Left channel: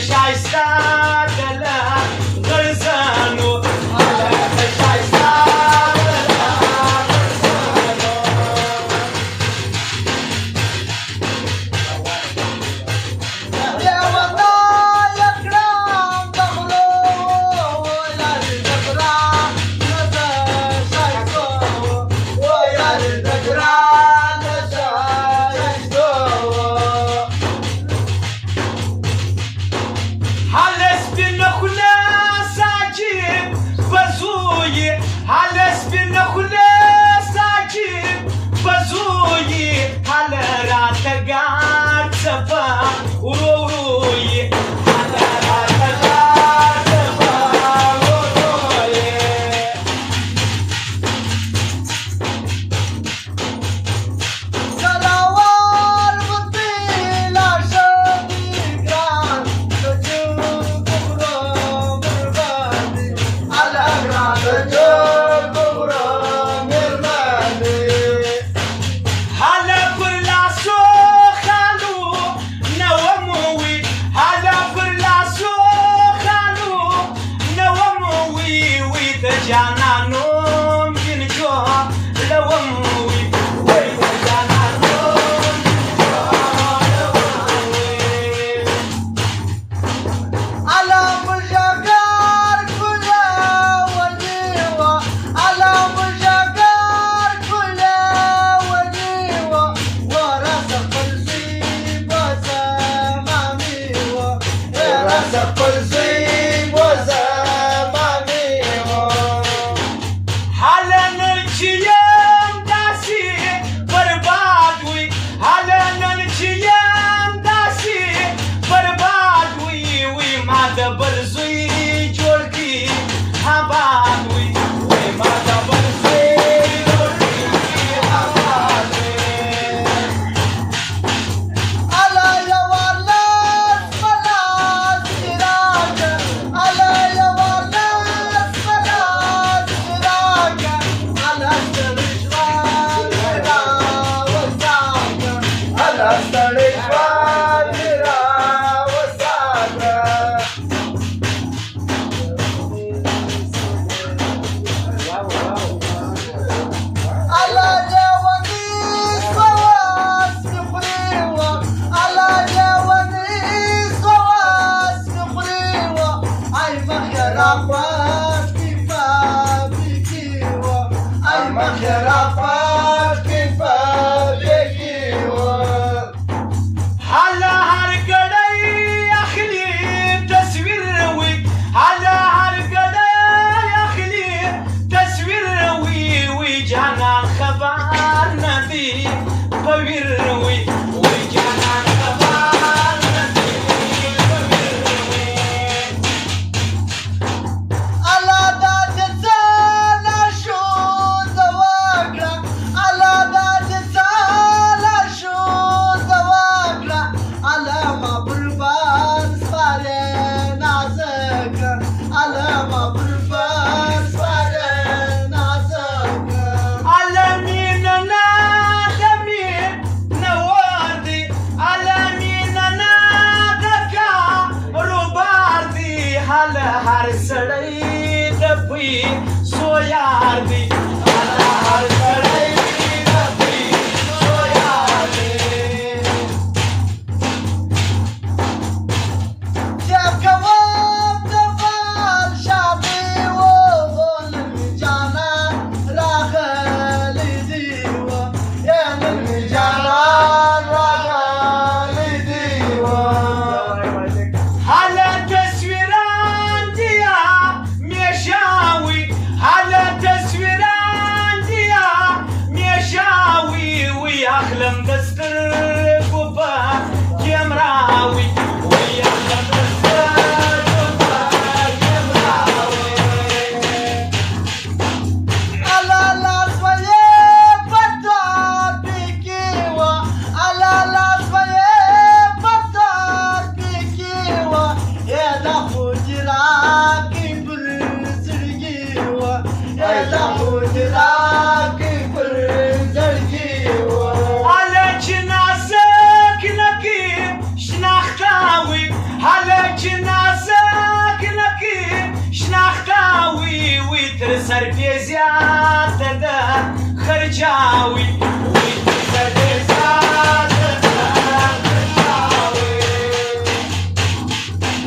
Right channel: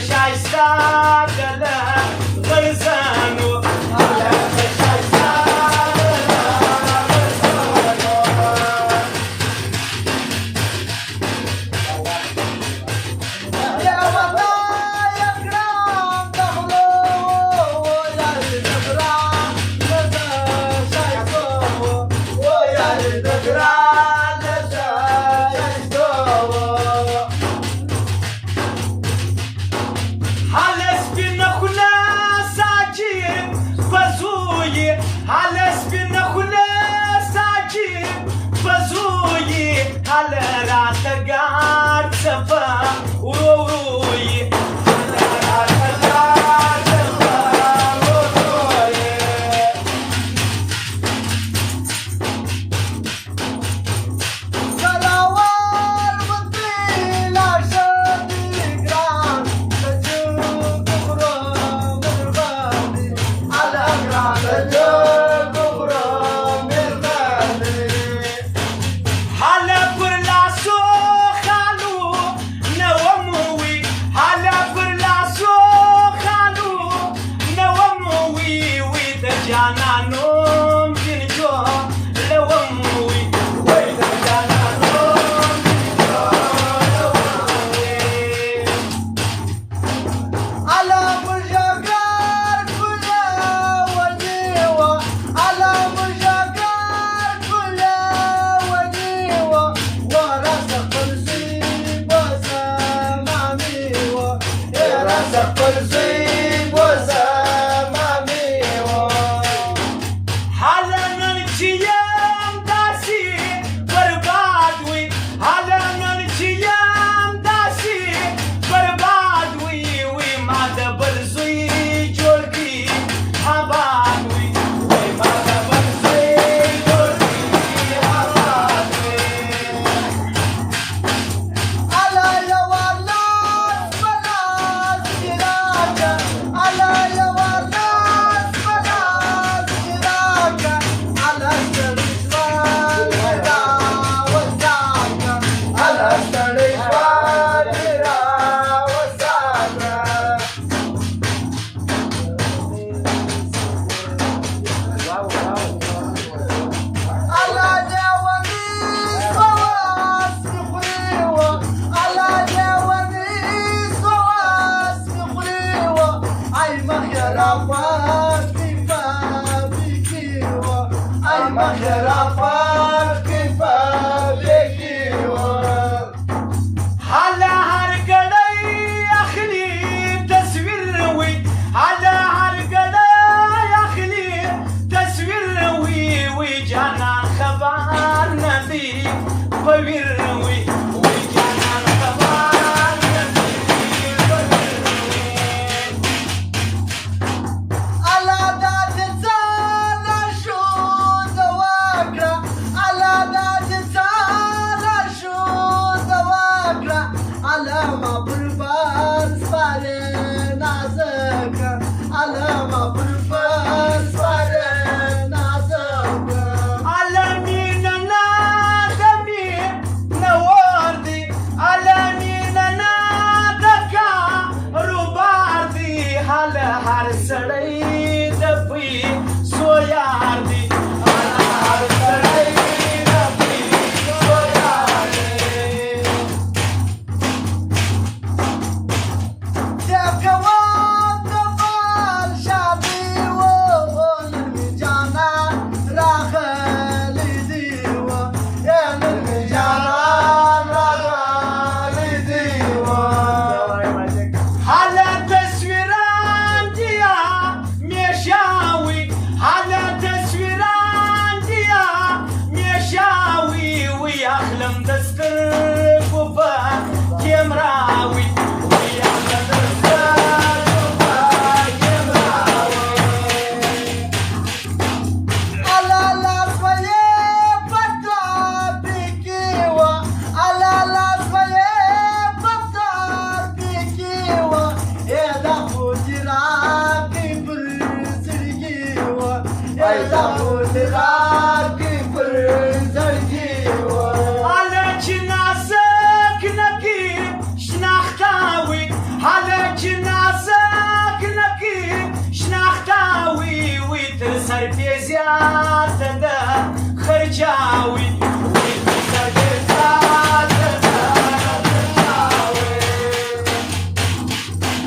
شایسته گله غرزانو هلکه شایسته گله غرزانو Hallelujah! هەلێکی نازک نەکی شناختاوی وی تر سەر پێ زیاد دەدە خەرجاوی وی تر سەر پێ زیاد دەدە خەرجاوی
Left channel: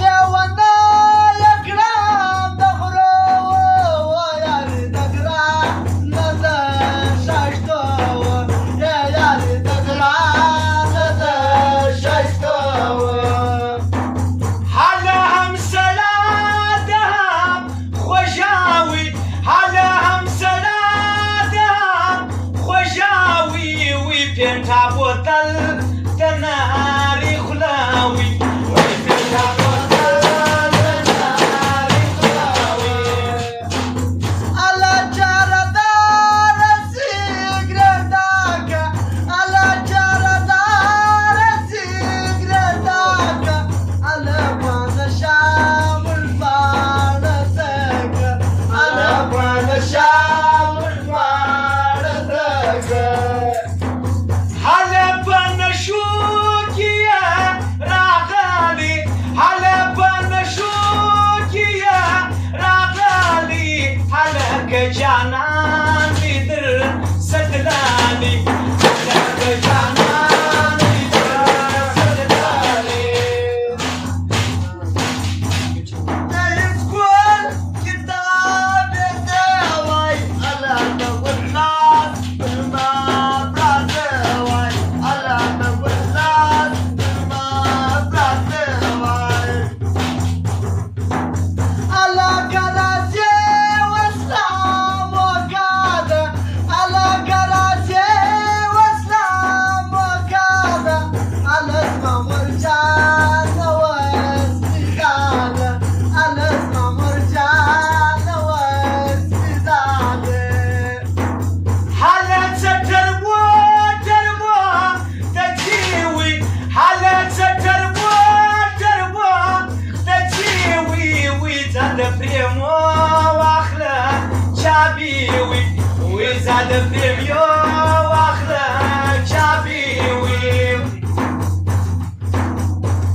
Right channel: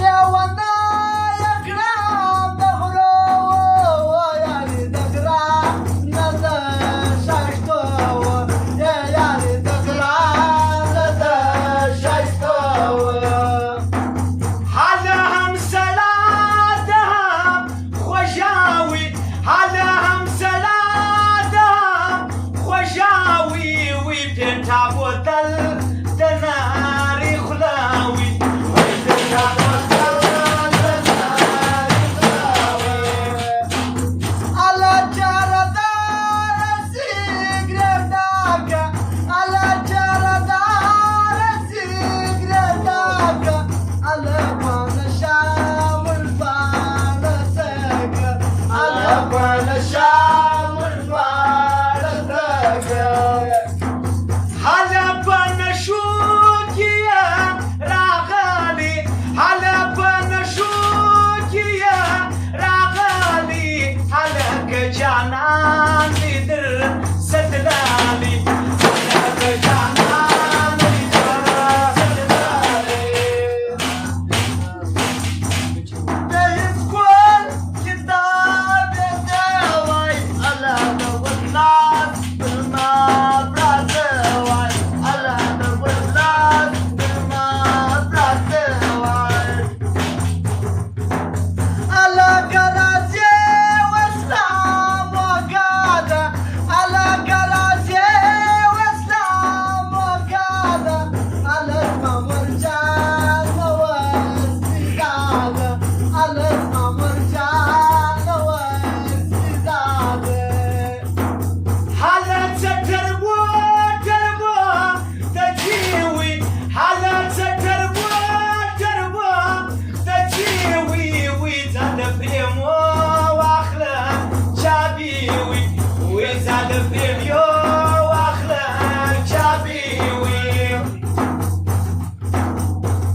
لێوەندە یەکرام دەخورەوە یاری دەگرا نەدە شایستەوە یاری دەگرا نەدە شایستەوە هەلە هەم سەلادە هەم خۆشاوی هەلە هەم سەلادە هەم خۆشاوی وی پێم تا بۆتەل دەناری خولاوی وی پێم تا بۆتەل دەناری خولاوی ئەلە جارەدارە سیگرێتاکە ئەلە جارەدارە سیگرێتاکە ئەلە وانە شامل بارەتەکە ئەلە وانە شامل بارەتەکە هەلە بە نەشوکیە ڕاغالی هەلە بە نەشوکیە ڕاغالی هەلە کە جانانی در سەدلالی هەلە کە جانانی در سەدلالی دەیت گوڵ کتابێتەوەی ئەلە دەوڵات بما براتەوەی ئەلە دەوڵات بما براتەوەی ئەلە گەرازێ وەسلام وەکادە ئەلە گەرازێ وەسلام وەکادە ئەلە مەمرجانەوە سیدادە ئەلە مەمرجانەوە سیدادە هەلە چەتەر بۆ دەربۆ دەچیوی هەلە چەتەر بۆ دەربۆ دەچیوی وی زادە پرێمۆ واخلە چابیوی وی زادە پرێمیۆ واخلە چابیوی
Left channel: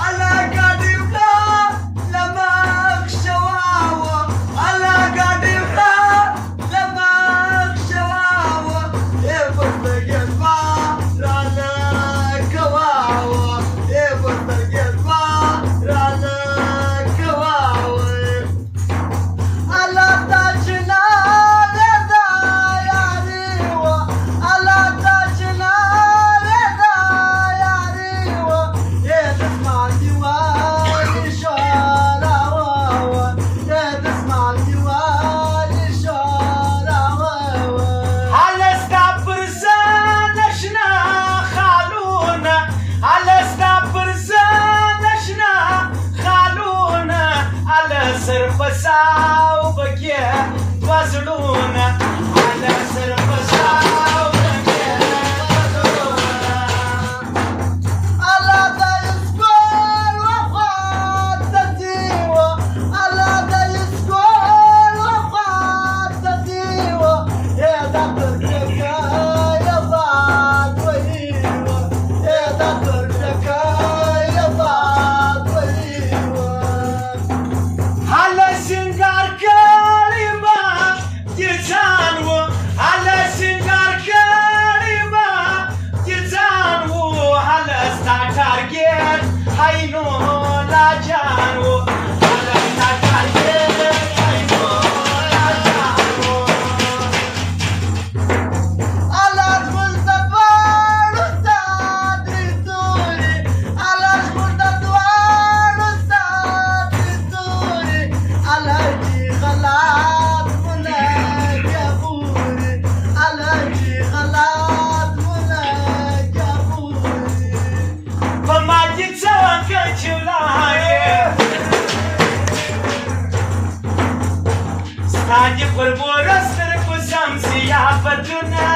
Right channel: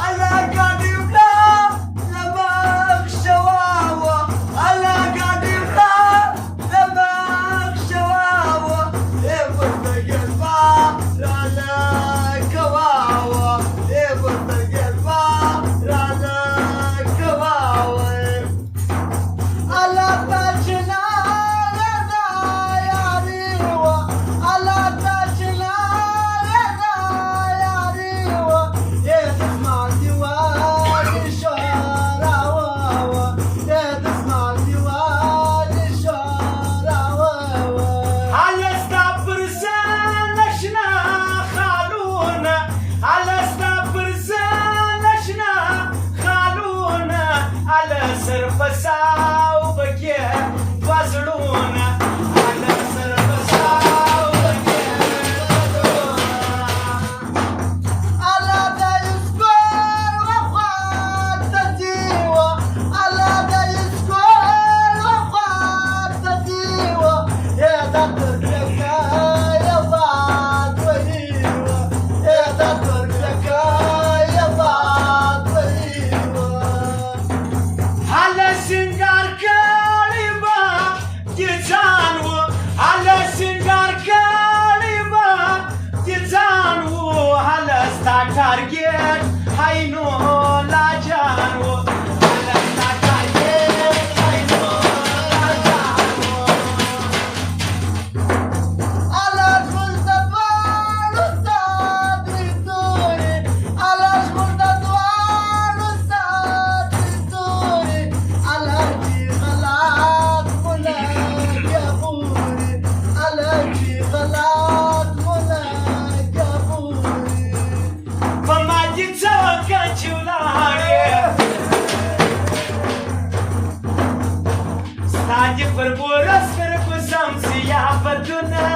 ئەلە گادیولا لە مەخشەواوە ئەلە گادیولا لە مەخشەواوە ئێوەردەگێت با ڕانەکەواوە ئێوەردەگێت با ڕانەکەواوە ئەلە تاچنا لێدا یاریوە ئەلە تاچنا لێدا یاریوە دەستمال دیواری شۆراوەوە دەستمال دیواری شۆراوەوە هەلەستا پرسە نەشنا خاڵونە هەلەستا پرسە نەشنا خاڵونە هەلە سەر بەساو بەگێ وەزلونە هەلە سەر بەساو بەگێ ئەلە دەیسکۆر وەخوات دەدیوە ئەلە دەیسکۆر وەخوات دەدیوە ئێدە پرکەکەیە بادوەریوە ئێدە پرکەکەیە بادوەریوە هەلە سینگارکاری بە گرجانوە هەلە سینگارکاری بە گرجانوە هەلەستا کارگێر هەینۆ لاجانوە هەلەستا کارگێر هەینۆ لاجانوە ئەلەش مردەبار ئوستادی تووری ئەلەش مردەدوار ئوستادی تووری ئەلەکی غەلات مولەکە بووری ئەلەکی غەلات مولەکە بووری فەرماندی چەوەکە چیولایە ستانی پڕ بۆ ڕەستر کوزەم زیافەتونە